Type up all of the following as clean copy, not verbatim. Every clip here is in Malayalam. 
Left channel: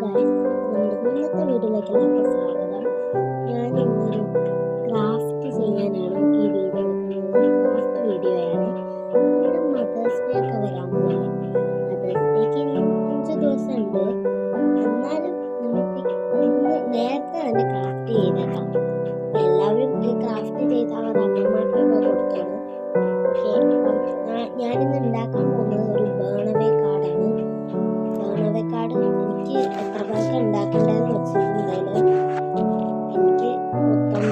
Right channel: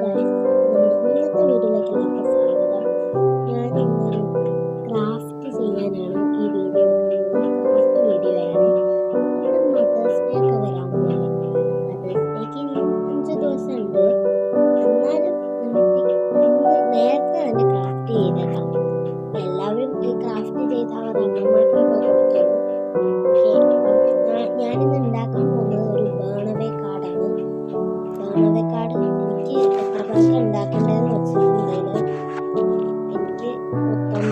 ഗൈസ്, നമ്മുടെ ഇന്നത്തെ വീഡിയോയിലേക്ക് എല്ലാവർക്കും സ്വാഗതം. ഞാൻ ഇന്നൊരു ക്രാഫ്റ്റ് ചെയ്യാനാണ് ഈ വീഡിയോ എടുക്കുന്നത്. ക്രാഫ്റ്റ് വീഡിയോ ആണ്. നമ്മുടെ മദേഴ്സ് ഡേ ഒക്കെ വരാൻ പോലെ. മദേഴ്സ് ഡേക്ക് ഇനിയും 5 ദിവസം ഉണ്ട്. എന്നാലും നമുക്ക് ഇന്ന് നേരത്തെ തന്നെ ക്രാഫ്റ്റ് ചെയ്തേക്കാം. എല്ലാവരും ഈ ക്രാഫ്റ്റ് ചെയ്ത് അവരുടെ അമ്മമാർക്കൊക്കെ കൊടുത്തോളൂ. ഓക്കെ, അപ്പം ഞാനിന്ന് ഉണ്ടാക്കാൻ പോകുന്നത് ഒരു ബേണവേ കാർഡാണ്. ബേണവേ കാർഡ് എനിക്ക് എത്ര പേർക്ക് ഉണ്ടാക്കേണ്ടതെന്ന് വെച്ചിട്ടുണ്ടെങ്കിൽ എനിക്ക് മൊത്തം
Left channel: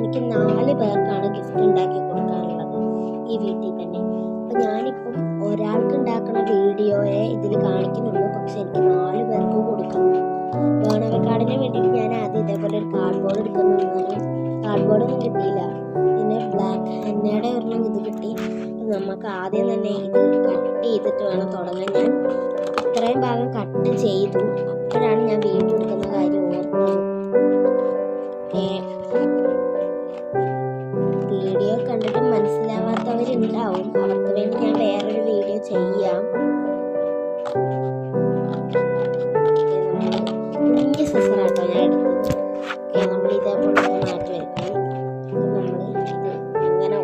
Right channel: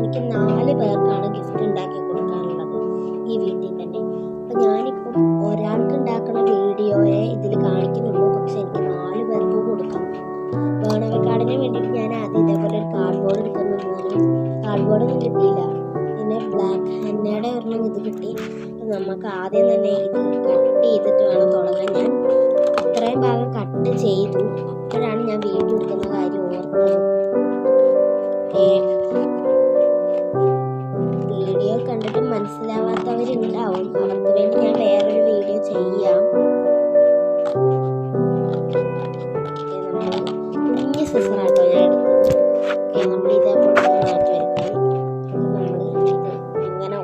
എനിക്ക് 4 പേർക്കാണ് ഗിഫ്റ്റ് ഉണ്ടാക്കി കൊടുക്കാനുള്ളത് ഈ വീട്ടിൽ തന്നെ. അപ്പം ഞാനിപ്പം ഒരാൾക്ക് ഉണ്ടാക്കുന്ന വീഡിയോയെ ഇതിൽ കാണിക്കുന്നുള്ളൂ, പക്ഷെ എനിക്ക് 4 പേർക്ക് കൊടുക്കാം. ബേണവേ കാർഡിന് വേണ്ടിയിട്ട് ഞാൻ ആദ്യം ഇതേപോലെ ഒരു കാർഡ് ബോർഡ് എടുക്കുന്നതാണ്. കാർഡ് ബോർഡൊന്നും കിട്ടിയില്ല, പിന്നെ ബ്ലാക്ക് ഹെന്നയുടെ ഒരെണ്ണം ഇത് കിട്ടി. അപ്പം നമുക്ക് ആദ്യം തന്നെ ഇത് കട്ട് ചെയ്തിട്ട് വേണം തുടങ്ങാൻ. ഞാൻ ഇത്രയും ഭാഗം കട്ട് ചെയ്തു, അപ്പോഴാണ് ഞാൻ വീഡിയോ എടുക്കുന്ന കാര്യം ഓർത്തത്. വീഡിയോ കണ്ടിട്ട് മനസ്സിലാവാത്തവരുണ്ടാവും, അവർക്ക് വേണ്ടി ഞാൻ വേറൊരു വീഡിയോ ചെയ്യാം. കുഞ്ഞ് സിസറാട്ടോ ഞാൻ എടുത്തത്. നമ്മൾ ഇതേപോലെ മാറ്റി വെക്കണം. നമ്മൾ ഇത് ഇങ്ങനെ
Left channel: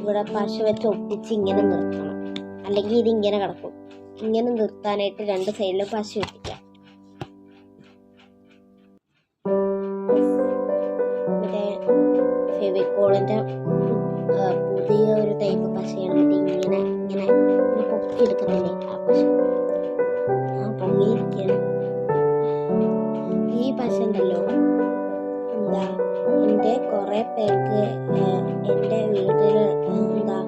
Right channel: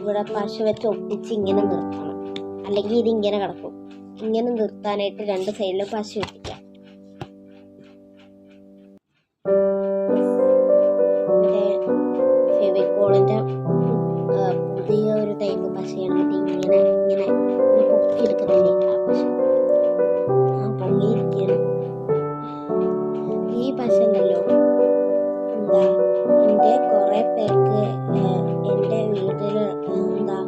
ഇവിടെ പശ വെച്ച് ഒട്ടിച്ച് ഇങ്ങനെ നിർത്തണം, അല്ലെങ്കിൽ ഇതിങ്ങനെ കിടക്കും. ഇങ്ങനെ നിർത്താനായിട്ട് 2 സൈഡിലും പശ ഒട്ടിക്കാം. മറ്റേ ഫെവിക്കോളിൻ്റെ പുതിയ ഒരു ടൈപ്പ് പശയാണ്. മറ്റേ ഇങ്ങനെ ഇങ്ങനെ ഇങ്ങനെ പൊക്കിയെടുക്കുന്നില്ലേ ആ പശ, ആ പൊങ്ങിയിരിക്കുകയാണ്. ഈ പശ ഉണ്ടല്ലോ, എന്താ എൻ്റെ കുറേ പേർക്ക് എൻ്റെ വീട്ടിൽ എന്താ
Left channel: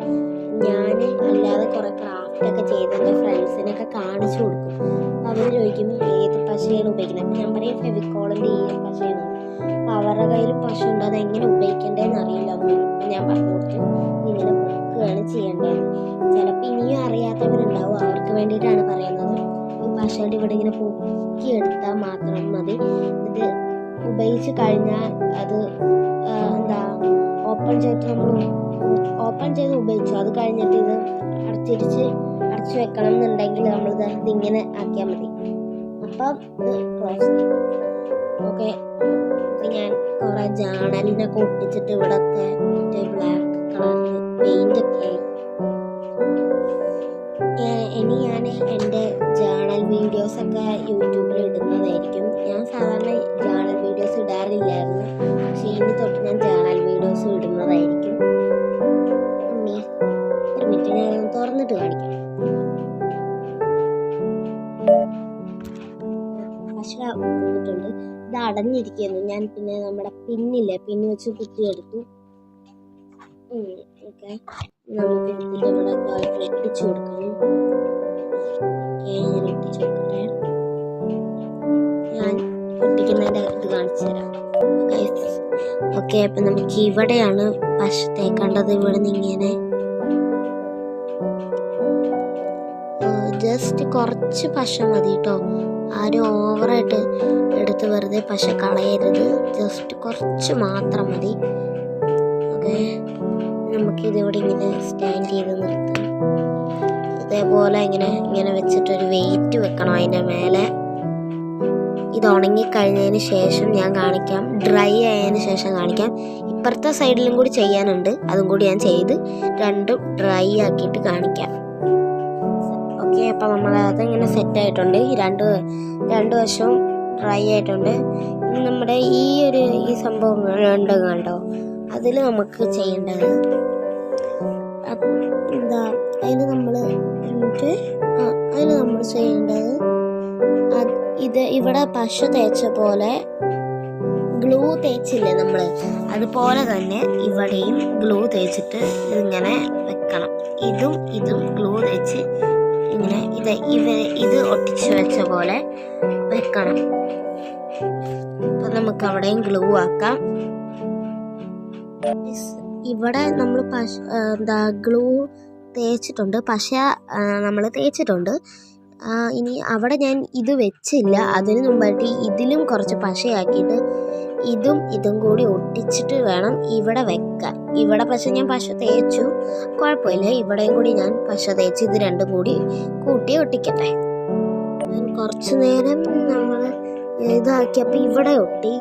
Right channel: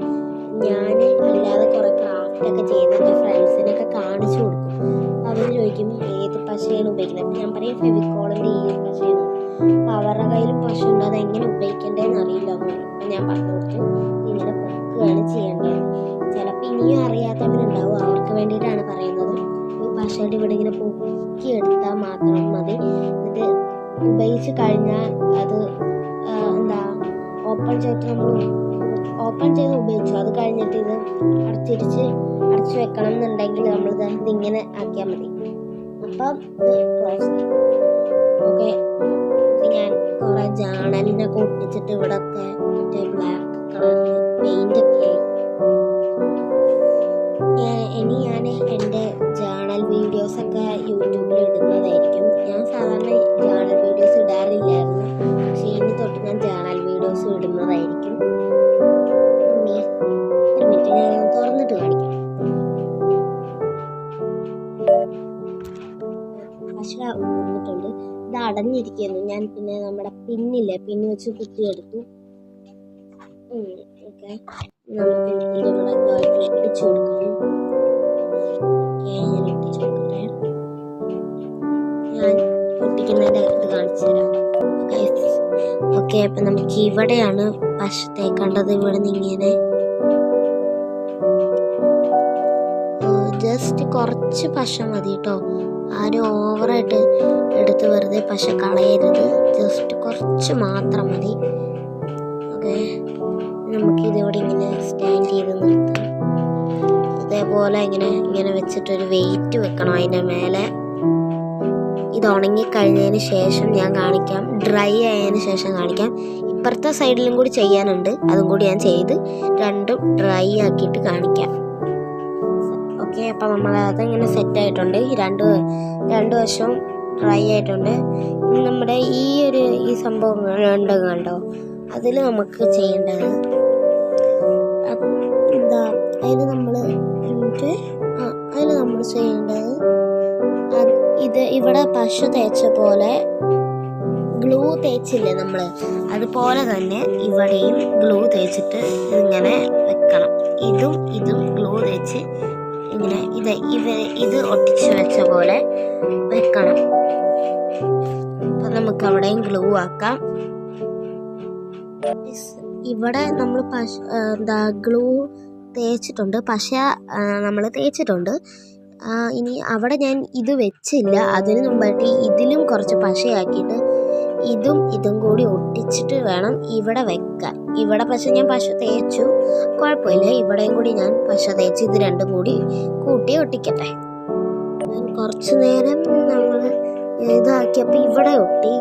ഞാൻ അല്ലാതെ കുറേ ക്രാഫ്റ്റൊക്കെ ചെയ്ത് എൻ്റെ ഫ്രണ്ട്സിനൊക്കെ കാണിച്ചു കൊടുക്കും. അവർ ചോദിക്കും ഏത് പശയാണ് ഉപയോഗിക്കുന്നത്. അപ്പം ഞാൻ പറയും ഫെവിക്കോളിൻ്റെ ഈ പശയാണ്. അപ്പോൾ അവരുടെ കയ്യിലും പശ ഉണ്ട്, അതെങ്ങനെ ഉപയോഗിക്കേണ്ടതെന്ന് അറിയില്ല എന്ന് പറയും. അപ്പം ഞാൻ പറഞ്ഞു കൊടുത്തു ഇങ്ങനെ പൊക്കുകയാണ് ചെയ്യേണ്ടത്. ചിലപ്പോൾ ഇനിയും അറിയാത്തവരുണ്ടാവും, അവർക്ക് വേണ്ടിയിട്ടാണ് പറയുന്നത്. ഈ പശയുടെ ഇവിടെ ഇങ്ങനെ പൊക്കിയെടുത്താൽ മാത്രം മതി. ഇത് ഉപയോഗിച്ച് കഴിഞ്ഞാൽ അത് എന്താ ഓപ്പൺ ചെയ്ത് ഉപയോഗിച്ചു, അത് കഴിഞ്ഞിട്ട് ഇത് അടച്ചു വെക്കണം എന്നുണ്ടെങ്കിൽ നമ്മളിത് ഇതിങ്ങനെ ആക്കിയാൽ മതി. അപ്പം ഇത് ക്ലോസ് ചെയ്യും. ഓക്കെ, ഇത് ഞാൻ കുറേ ജേണലിനൊക്കെ ഒട്ടിച്ചിട്ട് ഇവിടെയൊക്കെ മറ്റേ ബ്ലാക്ക് കളറിൽ പെയിൻ്റൊക്കെ. ഇനി ഞാൻ എൻ്റെ ജേണൽ വീഡിയോസൊക്കെ യൂട്യൂബിൽ ഇടുന്നതായിരിക്കും. ഞാൻ സാധാരണ ജേണൽ വീഡിയോസ് ഇടാറില്ലായിരുന്നു, പക്ഷേ ഇനി തൊട്ട് ഞാൻ ജേണൽ വീഡിയോസ് ഇടുന്നതായിരിക്കും. ഒരു മിനിറ്റ്, ഞാൻ തുറന്നിട്ട് കാണിക്കാം. പശ വന്നിട്ടുണ്ട്, ഇത് അടഞ്ഞിരിക്കുന്നു. ഞാൻ പിന്നെ നമ്മുടെ പിന്ന് വെച്ച് കുത്തിയെടുത്തു. ഓക്കെ, നമുക്ക് ഇതിൻ്റെ ഇവിടെ ഒട്ടിച്ചു കൊടുക്കണം. ഞാൻ ഒട്ടിച്ചു കൊടുക്കട്ടെ. ഞാൻ ഒട്ടിക്കുന്നതിൻ്റെ ഇത് കാണിച്ചു തരാം. ഓക്കെ, അപ്പം നമുക്ക് ഇവിടെയാണ് പശ തേക്കേണ്ടത്. ഇവിടെ നിന്ന് ഇങ്ങനെ ജസ്റ്റ് കുറച്ച് പശ മതി കേട്ടോ. ആരും ഓവറായിട്ട് എടുത്ത് വെറുതെ പശ കളയരുത്, ജസ്റ്റ് കുറച്ച് മാത്രം മതി. ഓക്കെ, നമുക്കിതിവിടെ ഇങ്ങനെ സ്റ്റാൻഡ് ചെയ്ത് നിർത്താം. ഇതേപോലെ ഇങ്ങനെ വെച്ചിട്ടൊരു വെയിറ്റ് വെക്കണം അതിൻ്റെ മേലെ. ഇത് ഉണങ്ങിക്കഴിഞ്ഞതിന് ശേഷം ഞാൻ കാണിക്കാം, ഡ്രൈ ആയതിന് ശേഷം കാണിക്കാം. ഇപ്പുറത്തെ സൈഡിലും കൂടി ചെയ്യാനുണ്ട്, അതും കൂടി ഞാൻ ചെയ്ത് രണ്ടും ഡ്രൈ ആക്കിയിട്ട് കാണിക്കാം. ഓക്കെ, അപ്പം നമ്മൾ അതിങ്ങനെ സെറ്റായിട്ടുണ്ട്. ഈ രണ്ട് വശവും ഡ്രൈ ആയിട്ടുണ്ട്. ഇനി നമ്മുടെ ഈ സംഭവം കണ്ടോ, അതിൽ നമുക്ക് ചെയ്യേണ്ടത് എന്താ, അതിന് നമ്മൾ ചെയ്യേണ്ടത് ഇവിടെ പശ തേച്ച പോലെ ഗ്ലൂ തേച്ചില്ലേ നമ്മൾ, അതുപോലെ തന്നെ ഇവിടെയും ഗ്ലൂ തേച്ചിട്ട് ഇതിങ്ങനെ വെക്കണം. ഇതും ഗ്ലൂ തേച്ച് ഇങ്ങനെ ഇത് ഒട്ടിച്ച് വെച്ച പോലെ വെക്കണം. അപ്പം നമുക്ക് അവിടെയും ഗ്ലൂ ആക്കാം. ഇവിടെ നമ്മൾ ഗ്ലൂ തേച്ചിട്ടുണ്ട്, പശ നമ്മൾ തേച്ചിട്ടുണ്ട്. ഇനി അവിടെ ഞാൻ ഇത് വെച്ചില്ല, അതിന് മുമ്പായിട്ട് ഇതിലും കുറച്ച് പശയാക്കിയിട്ട് ഇതും കൂടി ഒട്ടിച്ചിട്ട് വേണം ഇവിടെ വെക്കാൻ. ഇവിടെ പക്ഷെ ഞാൻ പശ തേച്ചു, കുഴപ്പമില്ല. ഇവിടെയും കൂടി ഞാൻ പശ തേച്ച് ഇത് രണ്ടും കൂടി കൂട്ടി ഒട്ടിക്കട്ടെ. കുറച്ചു നേരം നമ്മൾ ഇതാക്കിയപ്പോൾ ഇവിടെ ഒട്ടി.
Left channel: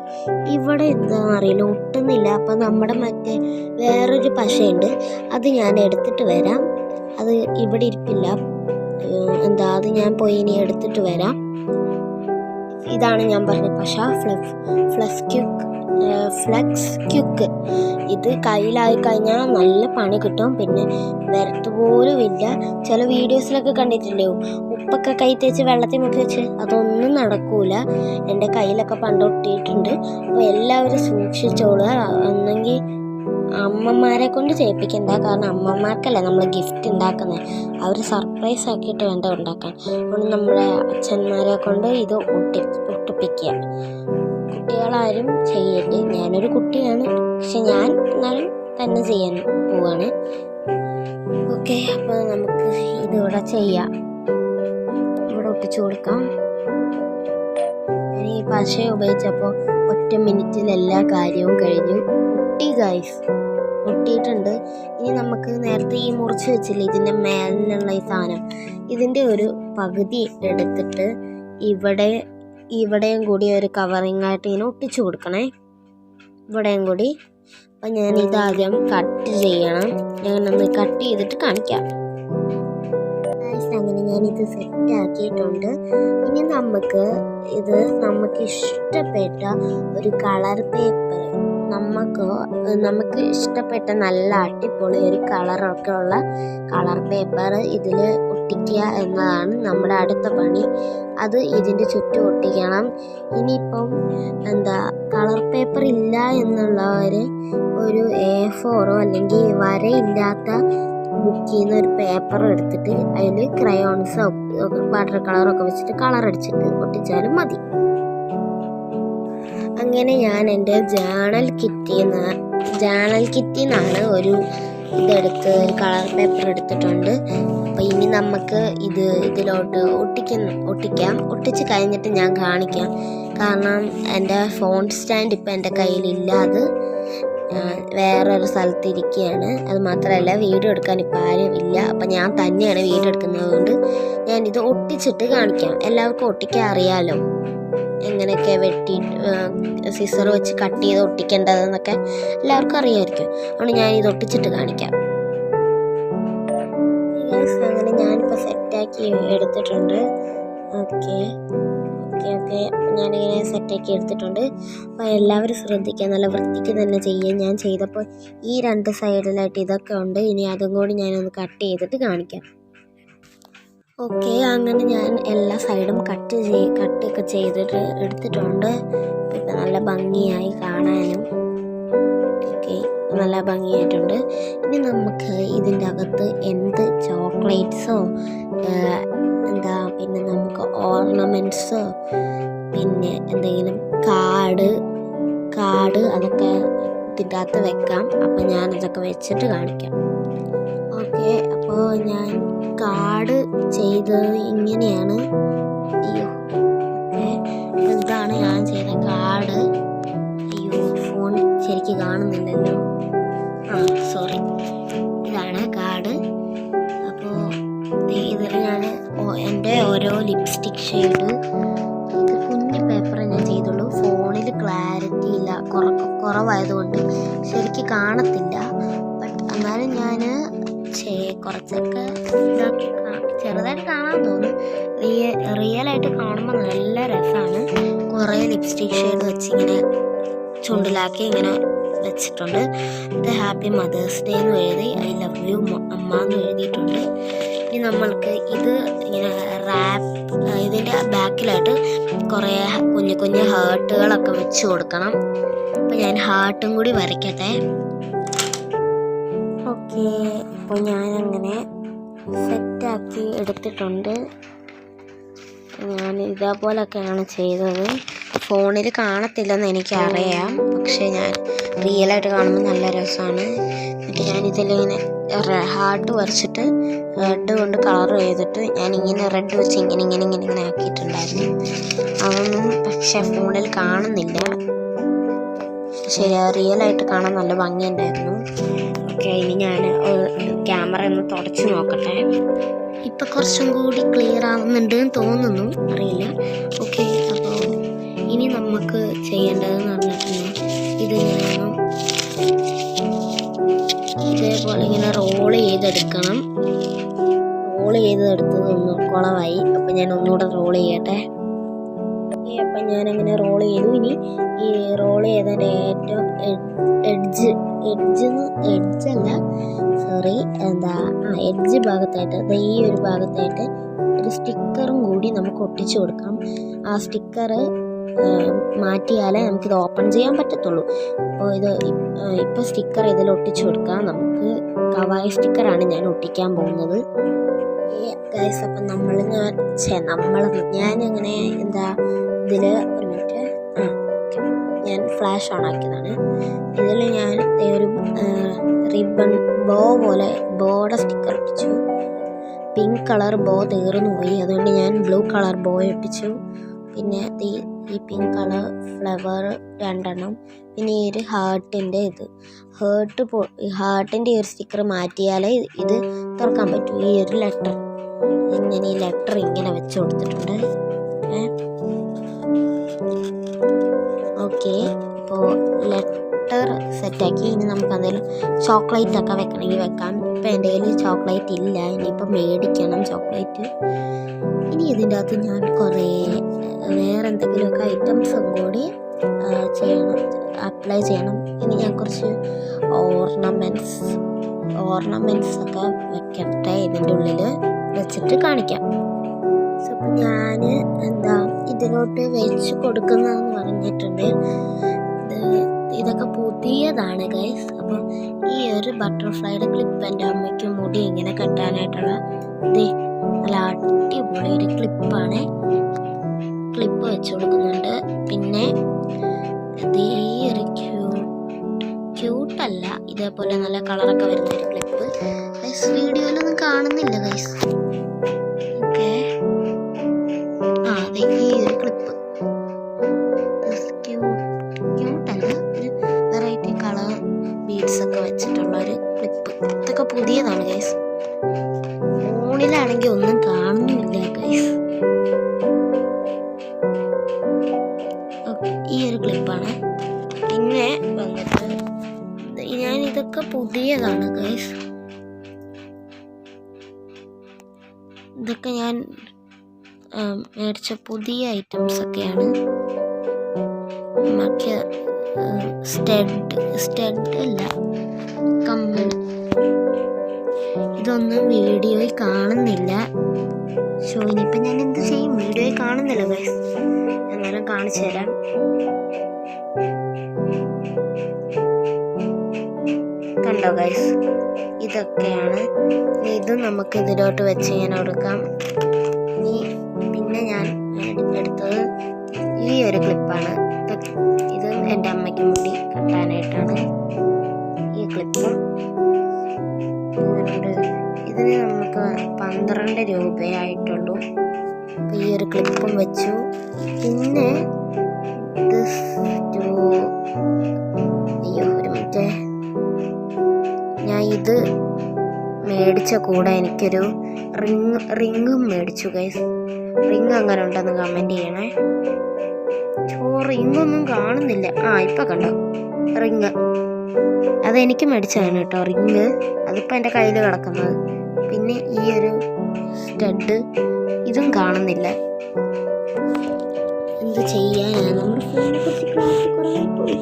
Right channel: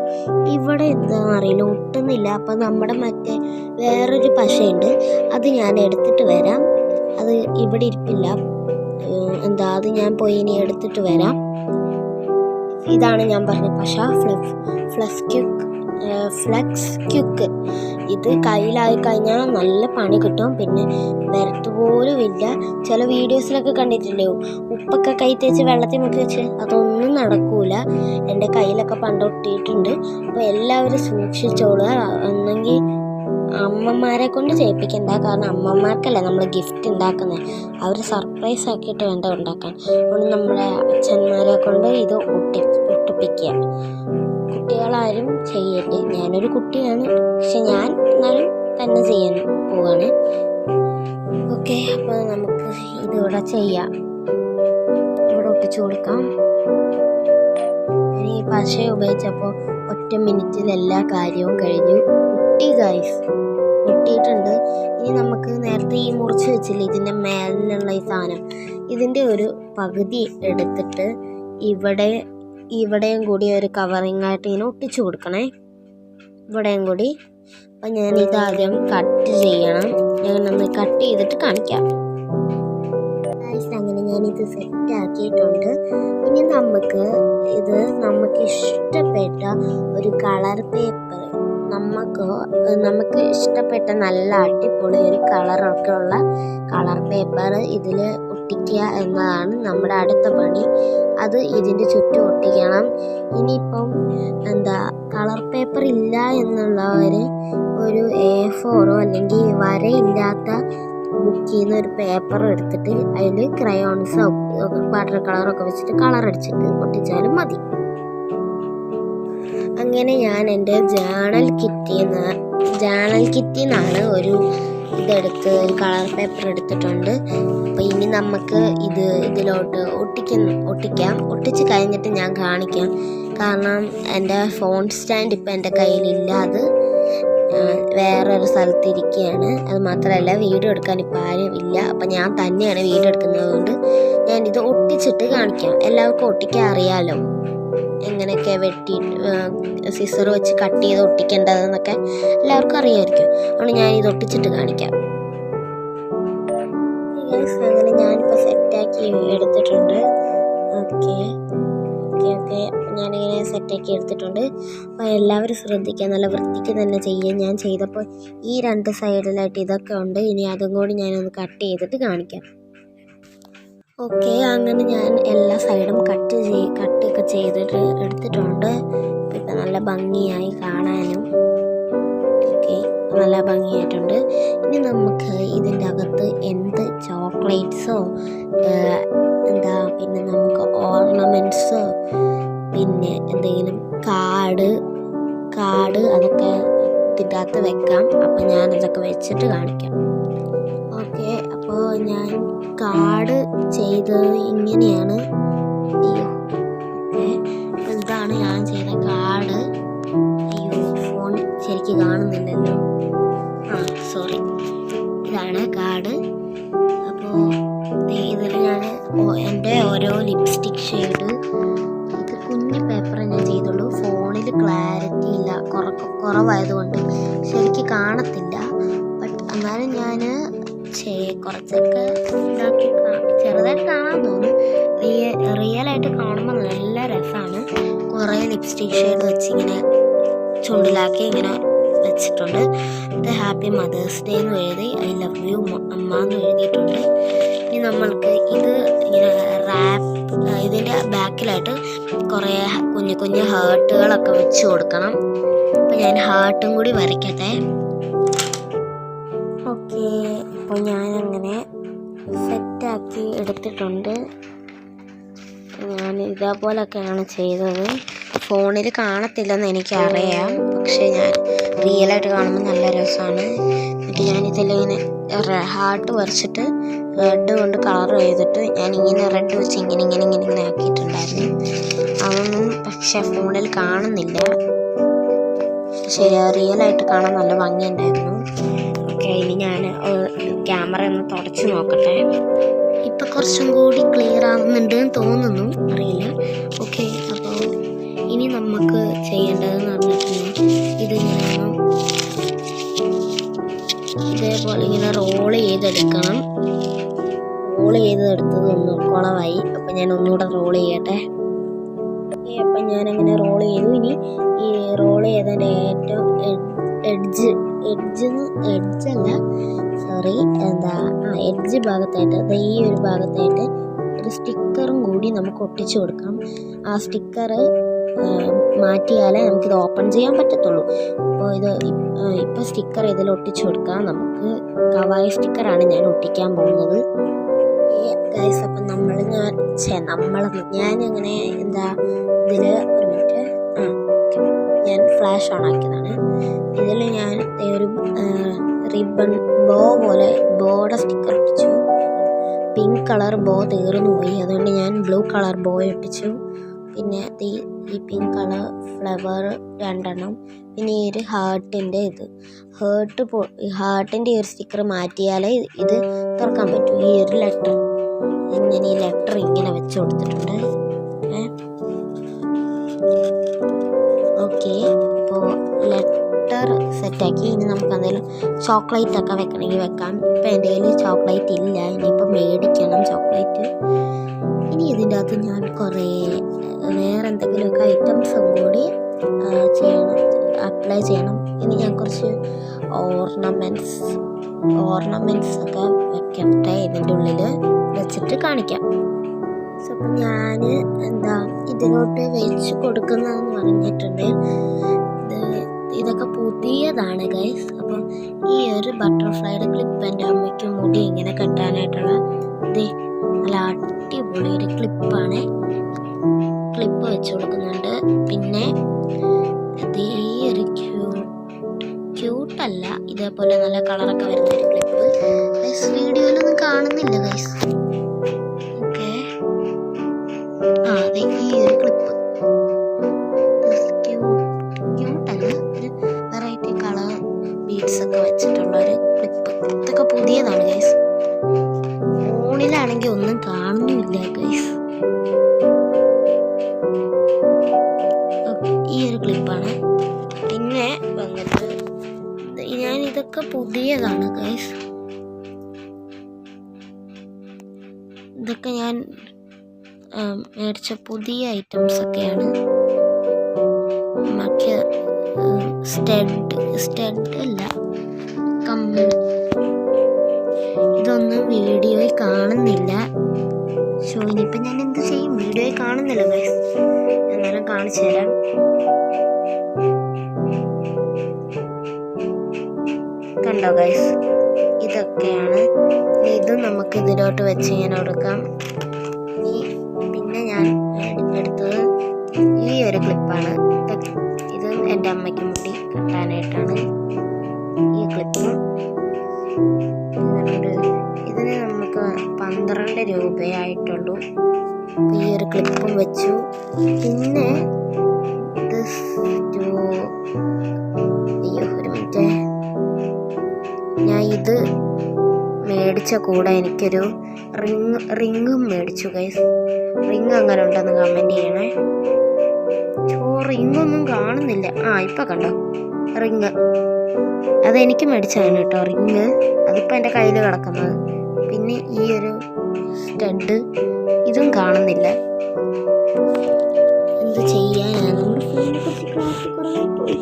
ഇവിടെ എന്താണെന്ന് അറിയില്ല, ഒട്ടുന്നില്ല. അപ്പം നമ്മുടെ മറ്റേ വേറൊരു പശയുണ്ട്, അത് ഞാൻ എടുത്തിട്ട് വരാം. അത് ഇവിടെ ഇരിപ്പില്ല, അത് ഞാൻ പോയി ഇനി എടുത്തിട്ട് വരാം. ഇതാണ് ഞാൻ പറഞ്ഞ പശ, ഫ്ലെക്സ് ക്യുക്ക്. ഇത് കയ്യിലായി കഴിഞ്ഞാൽ നല്ല പണി കിട്ടും, പിന്നെ വരത്തുപോലും ഇല്ല. ചില വീഡിയോസിലൊക്കെ കണ്ടിട്ടില്ലേ, ഉപ്പൊക്കെ കൈ തേച്ച് വെള്ളത്തിൽ മുക്കി വെച്ച്, അതൊന്നും നടക്കൂല. എൻ്റെ കയ്യിലൊക്കെ പണ്ടൊട്ടിയിട്ടുണ്ട്. അപ്പോൾ എല്ലാവരും സൂക്ഷിച്ചോളുക. ഒന്നെങ്കിൽ അമ്മമാരെ കൊണ്ട് ചെയ്യിപ്പിക്കണ്ട, കാരണം അമ്മമാർക്കല്ലേ നമ്മൾ ഗിഫ്റ്റ് ഉണ്ടാക്കുന്നത്, അവർ സർപ്രൈസ് ആക്കിയിട്ട് വേണ്ട ഉണ്ടാക്കാൻ. അതുകൊണ്ട് നമ്മുടെ അച്ഛന്മാരെ കൊണ്ട് ഇത് ഒട്ടിപ്പിക്കുക. കുട്ടികളാരും ചെയ്യരുത്. ഞാനൊരു കുട്ടിയാണ്, പക്ഷെ ഞാൻ എന്നാലും തന്നെ ചെയ്യാൻ പോവാണ്. ഓക്കെ, അപ്പോൾ നമുക്ക് ഇതിവിടെ ചെയ്യാം. ഇവിടെ ഒട്ടിച്ചു കൊടുക്കാം. ഈ പശ ഉപയോഗിച്ചപ്പോൾ 1 മിനിറ്റിൽ എല്ലാ കാര്യവും കഴിഞ്ഞു. ഗൈസ് ഒട്ടിയിട്ടുണ്ട്. ഇനി നമുക്ക് നേരത്തെ ഈ മുറിച്ച് വെച്ചില്ലേ ഇതിൻ്റെ മേലിനുള്ള ഈ സാധനം, ഇതിൻ്റെ ഒരു പകുതി എടുത്തിട്ട് ഇവിടെയും കൂടി ഒരു കവറിങ് ആയിട്ട് ഇങ്ങനെ ഒട്ടിച്ചു കൊടുക്കണേ, ഇവിടെയും കൂടി. അപ്പം ഞാൻ ഇതാദ്യം കട്ട് ചെയ്യണം. ഞാനൊന്ന് കട്ട് ചെയ്തിട്ട് കാണിക്കാം. അങ്ങനെ ഞാനിത് സെറ്റ് ആക്കിയിട്ടുണ്ട്. ഇനി നമുക്ക് ഇഷ്ടപ്പെട്ട ഒരു കളർ പേപ്പർ, നമുക്ക് ഇഷ്ടപ്പെട്ട നല്ല അടിപൊളി ഒരു കളറൊക്കെ ഉള്ള കളർ പേപ്പർ ഇതിൽ ഒട്ടിക്കുക എന്നതാണ് നമ്മുടെ അടുത്ത പണി. അത് ഇതിൻ്റെ ചുറ്റും ഒട്ടിക്കണം. ഇനിയിപ്പം കളർ പേപ്പർ ഇല്ല എന്നുള്ളവർ ഒരു A4 അല്ലെങ്കിൽ വരയില്ലാത്ത ബുക്കിൽ നിന്ന് ഒരു പേപ്പർ എടുത്തിട്ട് അതിൽ ക്രയോൺസോ വാട്ടർ കളറൊക്കെ വെച്ചിട്ട് കളർ അടിച്ചിട്ട് ഒട്ടിച്ചാലും മതി. അങ്ങനെ ഞാൻ എൻ്റെ ജേണൽ കിറ്റിൽ നിന്നാണ് ഒരു കളർ പേപ്പർ എടുത്തിട്ടുണ്ട്. അപ്പോൾ ഇനി നമുക്ക് ഇതിലോട്ട് ഒട്ടിക്കാം. ഒട്ടിച്ച് കഴിഞ്ഞിട്ട് ഞാൻ കാണിക്കാം, കാരണം എൻ്റെ ഫോൺ സ്റ്റാൻഡ് ഇപ്പം എൻ്റെ കയ്യിലില്ല, അത് വേറൊരു സ്ഥലത്ത് ഇരിക്കുകയാണ്. അത് മാത്രമല്ല വീഡിയോ എടുക്കാൻ ഇപ്പം ആരും ഇല്ല, അപ്പം ഞാൻ തന്നെയാണ് വീഡിയോ എടുക്കുന്നത്. കൊണ്ട് ഞാനിത് ഒട്ടിച്ചിട്ട് കാണിക്കാം. എല്ലാവർക്കും ഒട്ടിക്കാൻ അറിയാമല്ലോ, എങ്ങനെയൊക്കെ വെട്ടി സിസർ വെച്ച് കട്ട് ചെയ്ത് ഒട്ടിക്കേണ്ടതെന്നൊക്കെ എല്ലാവർക്കും അറിയാമായിരിക്കും. അതുകൊണ്ട് ഞാനിത് ഒട്ടിച്ചിട്ട് കാണിക്കാം. അങ്ങനെ ഞാനിപ്പോൾ സെറ്റാക്കി എടുത്തിട്ടുണ്ട്. ഓക്കെ ഞാനിങ്ങനെ സെറ്റാക്കി എടുത്തിട്ടുണ്ട്. അപ്പോൾ എല്ലാവരും ശ്രദ്ധിക്കുക, നല്ല വൃത്തിക്ക് തന്നെ ചെയ്യുക. ഞാൻ ചെയ്തപ്പോൾ ഈ 2 സൈഡിലായിട്ട് ഇതൊക്കെ ഉണ്ട്. ഇനി അതും കൂടി ഞാനൊന്ന് കട്ട് ചെയ്തിട്ട് കാണിക്കാം. ഓക്കെ, അങ്ങനെ ഞാൻ എല്ലാ സൈഡും കട്ടൊക്കെ ചെയ്തിട്ട് എടുത്തിട്ടുണ്ട്. ഇപ്പം നല്ല ഭംഗിയായി കാണാനും. ഓക്കെ, നല്ല ഭംഗിയായിട്ടുണ്ട്. ഇനി നമുക്ക് ഇതിൻ്റെ അകത്ത് എന്ത് ചോക്ലേറ്റ്സോ പിന്നെ നമുക്ക് ഓർണമെൻറ്റ്സോ പിന്നെ എന്തെങ്കിലും കാർഡ് അതൊക്കെ ഇതിൻ്റെ അകത്ത് വെക്കാം. അപ്പോൾ ഞാനതൊക്കെ വെച്ചിട്ട് കാണിക്കാം. ഓക്കെ, അപ്പോൾ ഞാൻ കാർഡ് ചെയ്തത് ഇങ്ങനെയാണ്. ഓക്കെ, ഇതാണ് ഞാൻ ചെയ്ത കാർഡ്. ഫോൺ ശരിക്കും കാണുന്നില്ലല്ലോ, സോറി. ഇതാണ് കാർഡ്. അപ്പോൾ ഇതിൽ ഞാൻ എൻ്റെ ഓരോ ലിപ്സ്റ്റിക് ഷെയ്ഡ്, ഇത് കുഞ്ഞു പേപ്പറേ ഞാൻ ചെയ്തുള്ളൂ. ഫോണിൽ ക്ലാരിറ്റി ഇല്ല, കുറവായതുകൊണ്ട് ശരിക്കും കാണത്തില്ല. ബട്ട് എന്നാലും ഞാൻ കുറച്ചൊക്കെ ഇതാക്കി ചെറുതായിട്ട് കാണാൻ തോന്നും. റിയലായിട്ട് കാണുമ്പോൾ നല്ല രസമാണ്. കുറേ ലിപ്സ്റ്റിക് ഷെയ്ഡ് വെച്ചിങ്ങനെ ചുണ്ടിലാക്കി ഇങ്ങനെ വെച്ചിട്ടുണ്ട്. ഇത് ഹാപ്പി മദേഴ്സ് ഡേ എന്ന് എഴുതി, ഐ ലവ് യു അമ്മ എന്ന് എഴുതിയിട്ടുണ്ട്. ഇനി നമ്മൾക്ക് ഇത് ഇങ്ങനെ ഇതിൻ്റെ ബാക്കിലായിട്ട് കുറേ കുഞ്ഞു ഹാർട്ടുകളൊക്കെ വെച്ച് കൊടുക്കണം. അപ്പോൾ ഞാൻ ഹാർട്ടും കൂടി വരയ്ക്കട്ടെ. ഓക്കെ, അപ്പോൾ ഞാനങ്ങനെ സെറ്റാക്കി എടുത്തിട്ടുണ്ട്. ഞാൻ ഇതേപോലൊക്കെയാണ് ചെയ്തത്. ഫോണിൽ കാണത്തില്ലെന്ന് എനിക്കറിയാം, പക്ഷേ ഞാൻ റിയലായിട്ട് കാണുമ്പോൾ നല്ല രസമാണ്. എന്നിട്ട് ഞാനിതിലിങ്ങനെ ഹാർട്ട് വരച്ചിട്ട് റെഡ് കൊണ്ട് കളർ ചെയ്തിട്ട് ഞാനിങ്ങനെ റെഡ് വെച്ച് ഇങ്ങനെ ആക്കിയിട്ടുണ്ടായിരുന്നു. അതൊന്നും പക്ഷേ ഫോണിൽ കാണുന്നില്ല. റിയലായിട്ട് കാണാൻ നല്ല ഭംഗിയുണ്ടായിരുന്നു. ഓക്കെ, ഇനി ഞാൻ ക്യാമറ ഒന്ന് തുടച്ച് നോക്കട്ടെ. ഇപ്പം കുറച്ചും കൂടി ക്ലിയർ ആവുന്നുണ്ട് എന്ന് തോന്നുന്നു, അറിയില്ല. ഓക്കെ, അപ്പോൾ ഇനി നമുക്ക് ചെയ്യേണ്ടതെന്ന് പറഞ്ഞിട്ടുണ്ടെങ്കിൽ ഇതിങ്ങനെ ഇതേപോലെ ഇങ്ങനെ റോൾ ചെയ്തെടുക്കണം. റോൾ ചെയ്തെടുത്തത് ഒന്ന് കുളമായി. അപ്പം ഞാൻ ഒന്നുകൂടെ റോൾ ചെയ്യട്ടെ. അപ്പം ഞാനങ്ങനെ റോൾ ചെയ്തു. ഇനി ഈ റോൾ ചെയ്തതിൻ്റെ ഏറ്റവും എഡ്ജ് ഭാഗത്തായിട്ട്, അത് ഈ ഒരു ഭാഗത്തായിട്ട് ഒരു സ്റ്റിക്കറും കൂടി നമുക്ക് ഒട്ടിച്ചു കൊടുക്കാം. ആ സ്റ്റിക്കർ മാറ്റിയാലേ നമുക്കിത് ഓപ്പൺ ചെയ്യാൻ പറ്റത്തുള്ളൂ. അപ്പോൾ ഇപ്പോൾ സ്റ്റിക്കർ ഇതിൽ ഒട്ടിച്ചു കൊടുക്കാം. നമുക്ക് കവായി സ്റ്റിക്കറാണ് ഞാൻ ഒട്ടിക്കാൻ പോകുന്നത്. ഗൈസ്, അപ്പം ഞാനങ്ങനെ ഇതിൽ ഒരു മിനിറ്റ്, ഞാൻ ഫ്ലാഷ് ഓൺ ആക്കിയതാണ്. ഇതിൽ ഞാൻ ഒരു റിബൺ ബോയുടെ സ്റ്റിക്കർ ഒട്ടിച്ചു. പിങ്ക് കളർ ബോ തീർന്നു പോയി, അതുകൊണ്ട് ഞാൻ ബ്ലൂ കളർ ബോ ഒട്ടിച്ചു. പിന്നെ ഈ പിങ്ക് കളർ ഫ്ലവർ 2 പിന്നെ ഈ ഒരു ഹാർട്ടിൻ്റെ ഹാർട്ടിൻ്റെ ഒരു സ്റ്റിക്കർ മാറ്റിയാലേ ഇത് തുറക്കാൻ പറ്റൂ. ഈ ഒരു ലെറ്റർ ഇങ്ങനെ വെച്ച് കൊടുത്തിട്ടുണ്ട്. ഓക്കെ, ഇപ്പോൾ ലെറ്റർ സെറ്റാക്കി. ഇനി നമുക്ക് എന്തെങ്കിലും ചോക്ലേറ്റ് ഒക്കെ വെക്കണമെങ്കിൽ വെക്കാം. ഇപ്പം എൻ്റെ കയ്യിൽ ചോക്ലേറ്റ് ഇല്ല, ഇനിയിപ്പോൾ മേടിക്കണം ചോക്ലേറ്റ്. ഇനി ഇതിൻ്റെ അകത്ത് ഞാൻ കുറേ വേറെ എന്തെങ്കിലുമൊക്കെ ഐറ്റംസും കൂടി അപ്ലൈ ചെയ്യണം. ഇനി ഞാൻ കുറച്ച് ഓർണമെൻറ്റ്സ് ഒക്കെ വെക്കട്ടെ. ഇതിൻ്റെ ഉള്ളിൽ വെച്ചിട്ട് കാണിക്കാം. അപ്പം ഞാൻ ഇതിലോട്ട് വെച്ച് കൊടുക്കുന്നതെന്ന് പറഞ്ഞിട്ടുണ്ട്. ഇതൊക്കെ പുതിയതാണ് ഗൈസ്. അപ്പം ഈ ഒരു ബട്ടർഫ്ലൈയുടെ ക്ലിപ്പ് എൻ്റെ അമ്മയ്ക്ക് മുടി ഇങ്ങനെ കെട്ടാനായിട്ടുള്ള നല്ല അടിപൊളി ഒരു ക്ലിപ്പാണ്. ക്ലിപ്പ് വെച്ച് കൊടുക്കുന്നുണ്ട്. പിന്നെ ഈ ഒരു ക്യൂട്ടല്ല, ഇതേപോലെ നല്ല കളറൊക്കെ വരുന്ന ഒരു ക്ലിപ്പ് ഗൈസ്. വീഡിയോയിലൊന്നും കാണുന്നില്ല ഗൈസ്. ഓക്കെ, അതെ, ഈ ഒരു ക്ലിപ്പ് ക്യൂട്ടല്ല, ഒരു വെറൈറ്റി കളർ ബീഡ്സ് ഒക്കെ വെച്ചിട്ടുള്ള ഒരു ക്ലിപ്പ്. ഇതൊക്കെ പുതിയതാണ് ഗൈസ്. ഫോണിലാണെങ്കിൽ ഒന്നും കാണുന്നില്ല ഗൈസ്. ഈ ഒരു ക്ലിപ്പാണ്. പിന്നെ വന്നിട്ട് ഇതൊക്കെ പുതിയതാണ് ഗൈസ്. ഇതൊക്കെ ഞാൻ മേടിച്ച പുതിയ ഐറ്റംസ് ഒക്കെയാണ്. മറ്റേ സ്റ്റഡ് അല്ല, കമ്മൽ. ഇതൊന്നും വീഡിയോയിൽ കാണുന്നില്ല. ഇനിയിപ്പം ഞാൻ എന്ത് ചെയ്യും? വീഡിയോയിൽ കാണുന്നില്ല ഗൈസ്. എന്നാലും കാണിച്ചു തരാം. കണ്ടോ ഗൈസ്, ഇതൊക്കെയാണ്. ഇതും നമുക്ക് ഇതിലോട്ട് വെച്ച് ഇങ്ങനെ കൊടുക്കാം. പിന്നെ ഞാൻ എടുത്തത് ഈ ഒരു ക്ലിപ്പാണ്. ഇത് എൻ്റെ അമ്മയ്ക്ക് മുടി കെട്ടാനായിട്ടാണ് ഈ ക്ലിപ്പ്. ഇതിന് നമുക്ക് 12 രൂപയായിട്ടുള്ളൂ. ഈ ഒരു ക്ലിപ്പും വെച്ചു. പിന്നെ ഒരു മിനിറ്റ്, ഞാൻ ഇത് മേടിച്ച കൂടെ എനിക്കൊരു റിങ്ങും മേടിച്ചു ഗൈസ്. റിങ് അങ്ങനെ ഉണ്ടെന്ന് കമൻറ്റ് ചെയ്യണേ. റിങ്ങൊന്നും കാണുന്നില്ല. ഇപ്പം കണ്ടോ റിങ്? അതെനിക്ക് മേടിച്ചതാണ് കേട്ടോ റിങ്. അതിപ്പോൾ എൻ്റെ കയ്യിൽ കിടക്കുന്നത്. പിന്നെ ഈ ഒരു സ്റ്റഡ്, ഇതും കാണുന്നില്ല. എന്ത് ചെയ്യാനാണ്, നമ്മുടെ ഫോണിനെ കുറിച്ച് ക്ലാരിറ്റി കുറവായി പോയി.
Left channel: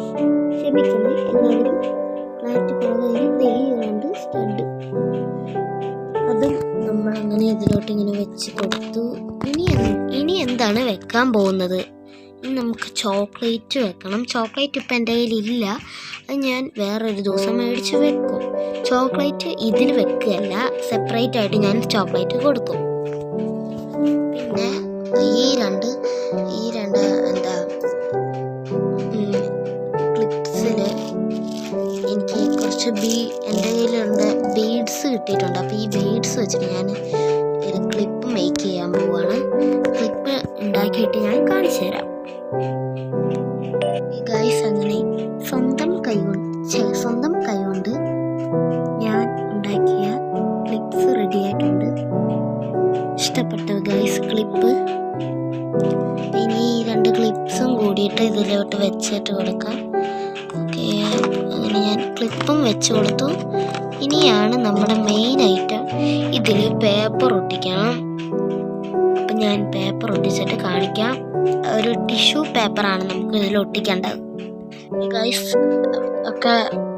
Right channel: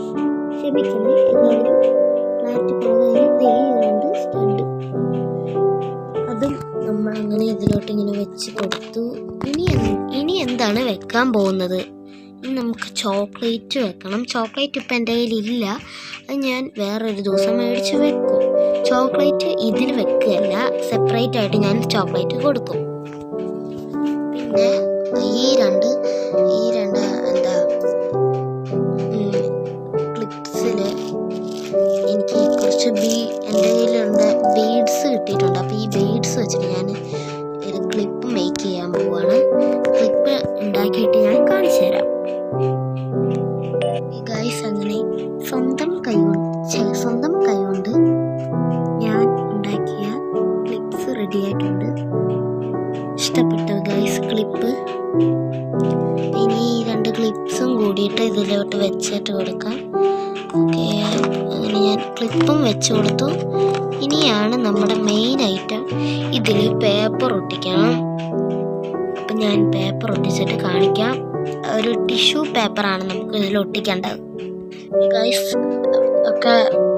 ക്ഷമിക്കണേ എല്ലാവരും, ക്ലാരിറ്റി കുറവായിരുന്നു. സ്റ്റഡ് അതും നമ്മളങ്ങനെ ഇതിലോട്ട് ഇങ്ങനെ വെച്ച് കൊടുത്തു. ഇനി എന്താണ് വെക്കാൻ പോകുന്നത്? ഇനി നമുക്ക് ചോക്ലേറ്റ് വെക്കണം. ചോക്ലേറ്റ് ഇപ്പം എൻ്റെ കയ്യിലില്ല, അത് ഞാൻ വേറൊരു ദിവസം മേടിച്ച് വെക്കും. ചോക്ലേറ്റ് ഇതിൽ വെക്കുകയല്ല, സെപ്പറേറ്റ് ആയിട്ട് ഞാൻ ചോക്ലേറ്റ് കൊടുക്കും. പിന്നെ ഈ രണ്ട് ക്ലിപ്സിൽ എനിക്ക് കുറച്ച് എൻ്റെ കയ്യിലുള്ള ബീഡ്സ് കിട്ടിയിട്ടുണ്ട്. അപ്പോൾ ഈ ബീഡ്സ് വെച്ചിട്ട് ഞാൻ ഒരു ക്ലിപ്പ് മേക്ക് ചെയ്യാൻ പോവുകയാണ്. ക്ലിപ്പ് ഉണ്ടാക്കിയിട്ട് ഞാൻ കാണിച്ചു തരാം. ഈ ഗൈസ് അങ്ങനെ സ്വന്തം കൈകൊണ്ട് ഞാൻ ഉണ്ടാക്കിയ ക്ലിപ്സ് റെഡി ആയിട്ടുണ്ട്. ഇഷ്ടപ്പെട്ടു ഗൈസ് ക്ലിപ്പ്? ഇനി 2 ക്ലിപ്സും കൂടിയിട്ട് ഇതിലോട്ട് വെച്ചിട്ട് കൊടുക്കാം. ഓക്കെ, അങ്ങനെ ഞാൻ ക്ലിപ്പും വെച്ച് കൊടുത്തു. ഇനിയാണ് നമ്മുടെ മെയിൻ ഐറ്റം, ഇതിൽ പേപ്പർ ഒട്ടിക്കണം. അപ്പം ഞാൻ പേപ്പർ ഒട്ടിച്ചിട്ട് കാണിക്കാം. ഒരു ടിഷ്യൂ പേപ്പറാണ് നമുക്ക് ഇതിൽ ഒട്ടിക്കേണ്ടത് ഗൈസ്. ഒക്കെ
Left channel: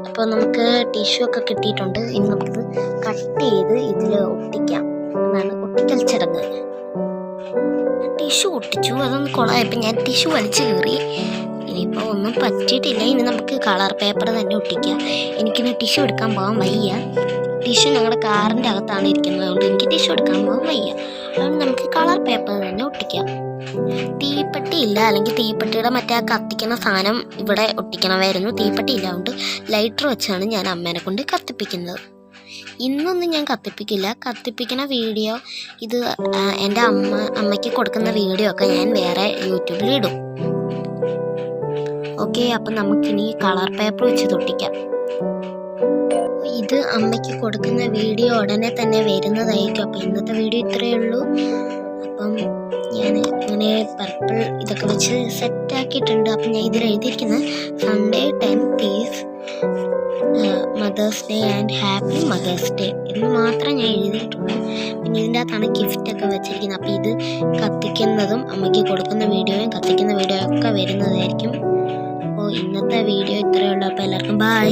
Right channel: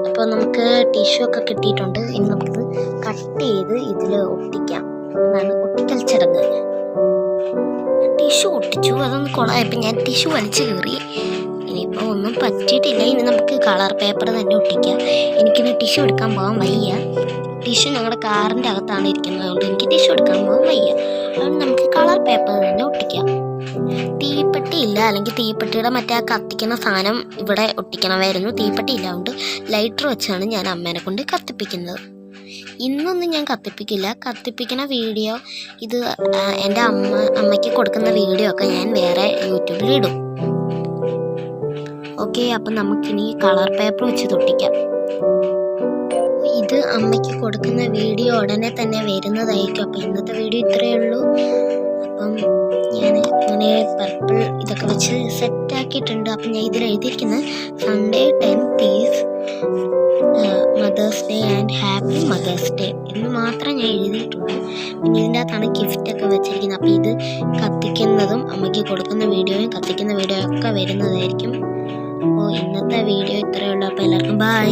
അപ്പോൾ നമുക്ക് ടിഷ്യൂ ഒക്കെ കിട്ടിയിട്ടുണ്ട്. ഇനി നമുക്കിത് കട്ട് ചെയ്ത് ഇതിൽ ഒട്ടിക്കാം. എന്നാണ് ഒട്ടിക്കൽ ചടങ്ങ്. ടിഷ്യൂ ഒട്ടിച്ചു, അതൊന്ന് കുളമായപ്പോൾ ഞാൻ ടിഷ്യൂ വലിച്ചു കീറി. ഇനിയിപ്പോൾ ഒന്നും പറ്റിയിട്ടില്ല. ഇനി നമുക്ക് കളർ പേപ്പർ തന്നെ ഒട്ടിക്കാം. എനിക്കിനി ടിഷ്യൂ എടുക്കാൻ പോകാൻ വയ്യ. ടിഷ്യൂ ഞങ്ങളുടെ കാറിൻ്റെ അകത്താണ് ഇരിക്കുന്നത്, അതുകൊണ്ട് എനിക്ക് ടിഷ്യൂ എടുക്കാൻ പോകാൻ വയ്യ. അതുകൊണ്ട് നമുക്ക് കളർ പേപ്പർ തന്നെ ഒട്ടിക്കാം. തീപ്പെട്ടി ഇല്ല, അല്ലെങ്കിൽ തീപ്പെട്ടിയുടെ മറ്റേ കത്തിക്കുന്ന സാധനം ഇവിടെ ഒട്ടിക്കണമായിരുന്നു. തീപ്പെട്ടി ഇല്ല, അതുകൊണ്ട് ലൈറ്റർ വെച്ചാണ് ഞാൻ അമ്മേനെ കൊണ്ട് കത്തിപ്പിക്കുന്നത്. ഇന്നൊന്നും ഞാൻ കത്തിപ്പിക്കില്ല. കത്തിപ്പിക്കുന്ന വീഡിയോ ഇത് എൻ്റെ അമ്മയ്ക്ക് കൊടുക്കുന്ന വീഡിയോ ഒക്കെ ഞാൻ വേറെ യൂട്യൂബിലിടും. ഓക്കെ, അപ്പം നമുക്കിനി കളർ പേപ്പർ വെച്ച് തൊട്ടിക്കാം. ഇത് അമ്മയ്ക്ക് കൊടുക്കുന്ന വീഡിയോ ഉടനെ തന്നെ വരുന്നതായിരിക്കും. അപ്പം ഇന്നത്തെ വീഡിയോ ഇത്രയേ ഉള്ളൂ. അപ്പം ഞാൻ ഇങ്ങനെ പർപ്പിൾ ഇതൊക്കെ വെച്ച് സെറ്റാക്കിയിട്ടുണ്ട്. അപ്പം ഞാൻ ഇതിൽ എഴുതിയിരിക്കുന്നത് Sunday 10th is mother's day and happy mother's day എന്ന് മാത്രം ഞാൻ എഴുതിയിട്ടുണ്ട്. പിന്നെ ഇതിൻ്റെ അകത്താണ് ഗിഫ്റ്റൊക്കെ വെച്ചിരിക്കുന്നത്. അപ്പോൾ ഇത് കത്തിക്കുന്നതും അമ്മയ്ക്ക് കൊടുക്കുന്ന വീഡിയോയും കത്തിക്കുന്ന വീഡിയോയും ഒക്കെ വരുന്നതായിരിക്കും. അപ്പോൾ ഇന്നത്തെ വീഡിയോ ഇത്രയേ ഉള്ളൂ. അപ്പോൾ എല്ലാവർക്കും ബൈ.